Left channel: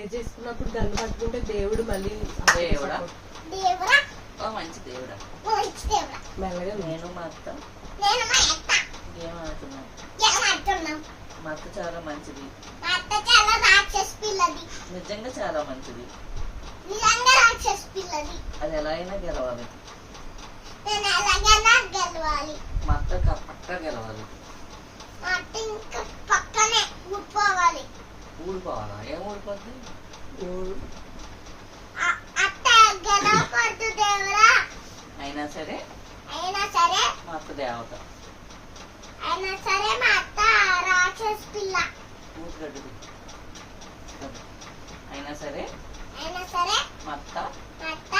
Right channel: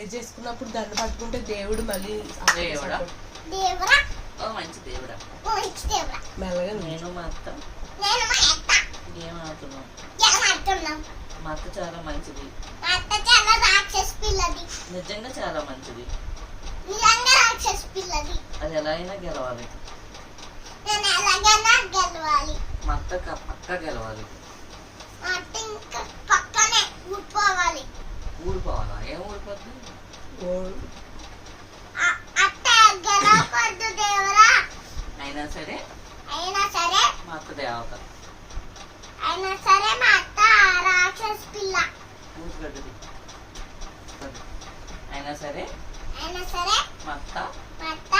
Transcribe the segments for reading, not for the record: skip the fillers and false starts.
prayer చేసుకున్నప్పుడు gun పట్టుకుంటే దేవుడు మళ్ళీ దేవుడా దేవుడా ఓ మంచి దేవుడా మంచి దేవుడా మెల్లగా నేను మా అత్త నేను మా అత్త ఏం ఆడుతున్నాం ఏమంటున్నాం మా అత్త చాలా మంచిది మా అత్త చాలా రాక్షస్ పిల్లది నిజంగా చాలా మంచిది నిజంగా రాక్షస్ పిల్లది అది ఎలా అయినా గెలవాలి నేను ఎలాగైనా గెలవాలి మా అత్త పక్క గెలవాలి మా అత్త ఇంకా పక్కనే ఊడిపోవాలి ఊడిపోవాలా ఏం ఊడిపోద్ది అత్త గెలవకూడదు దేవుడా అయినా సరే అయినా సరే మా అత్త దేవత అయినా సరే మా అత్త రాక్షస్ పిల్ల ఊసిగడ్డది అయినా సరే అయినా సరే మా అత్త మా అత్త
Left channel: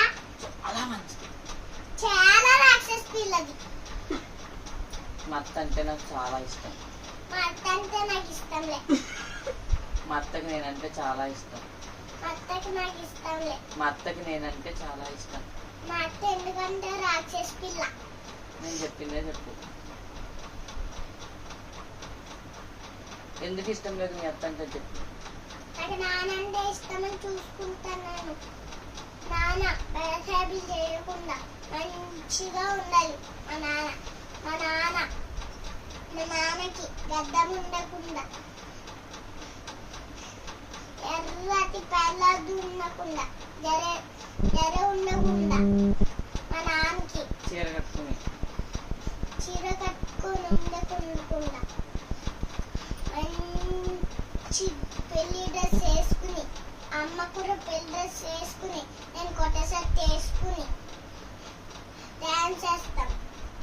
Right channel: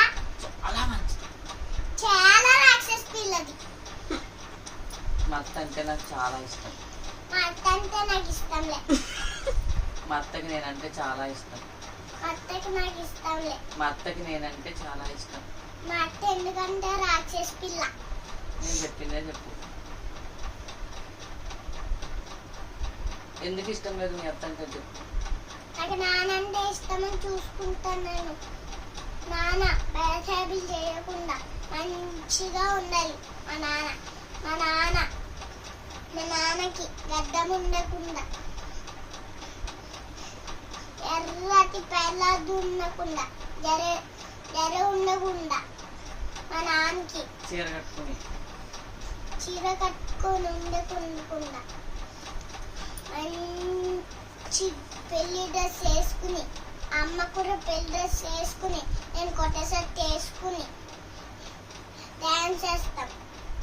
చాలా మంచిది చాలా రాక్షస్ పిల్లది మా అత్త అంటే నాకు చాలా ఇష్టం మా అత్త అంటే నాకు ఇష్టంలే మా అత్తకి నేనంటే చాలా ఇష్టం మా అత్తకి నాకు ఇష్టంలే మా అత్తకి నేనంటే చాలా ఇష్టం మా అత్త ఎందుకంటే రాక్షస్ పిల్ల నేను చెప్పిందే చెప్పు ఎందుకు ఇష్టం లేదు మీ అత్త అంటే చెప్పు నాకు నానంటే ఇష్టమని చూసుకుంటాను నేను నాన్న బయటేబుల్ చేయకుండా మంచిగా ఉండాలి మా నాన్నకి గడ్డం ఉండకుండా ఎర్రటి పెళ్ళ దున్నకుండా జర ఉండకుండా మా నాన్నకి చీర కట్టుకుని చీర కట్టుకొని ఉండకుండా మంచి పెళ్లి డ్రెస్ వేసుకుని అమ్మ కూడా పెళ్లి డ్రెస్ వేసుకుని నేను కొత్త షర్ట్ వేసుకుని డాన్స్ చేస్తాం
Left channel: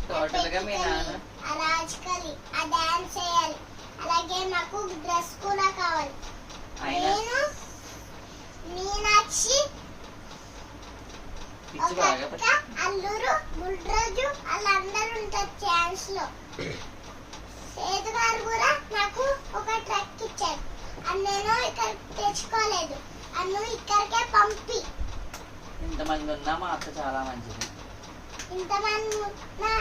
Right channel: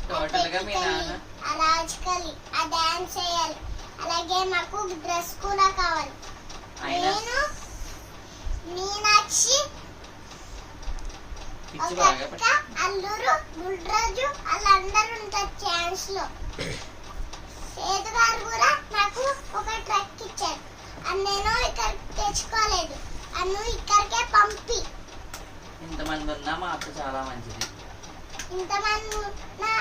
టోటల్ గా మీ నాన్న ఆ రాజకలి ఆ డాన్స్ చేయాలి అలాగే నాకు డ్రెస్ కూడా కావాలి అయినా నేను మీనాక్షి పిచ్చి బాగా ఒక అల్లురు బుల్రాజు వాళ్ళందరూ ఉంటారు ఛాన్స్ లో సేదు గారు కూడా నాకు ఒక ట్రక్ ఇచ్చారు అది నేను ఇక్కడ తెచ్చుకోలేదు అన్ను ఇక్కడికే పంపి ఇంతమంది ఉన్నా మా అత్త చాలా మంచిది ఇంతమంది నా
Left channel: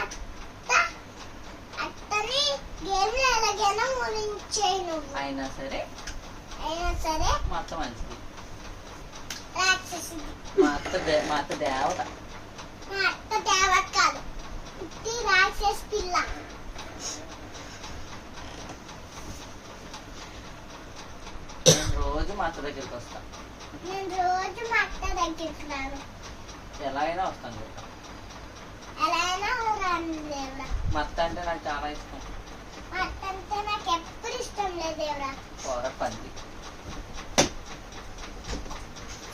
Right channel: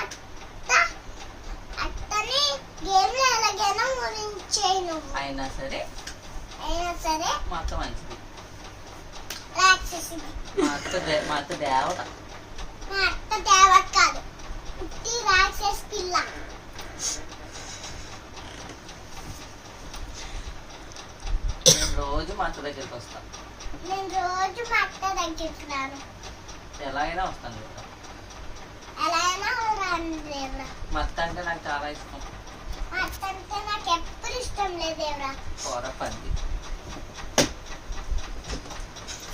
అత్తని గేమ్ ఎలాగైనా ముగించేయి నువ్వు అయినా సరే మా అత్త మంచిది రాక్షసిది మా అత్త దేవత మా అత్త దేవత కాదు పుట్టి రాక్షస్ పిల్ల నేను రోజు మా అత్త దగ్గరికి వస్తా నేను రోజు మా అత్త దగ్గరికి రాను ఎలా అయినా వస్తాను కదా ఎలా అయినా రాను దేవుడా మా అత్త అంటే నాకు చాలా ఇష్టం మా అత్త అంటే నాకు ఎప్పుడు ఇష్టం లేదు దేవుడా కూర పంది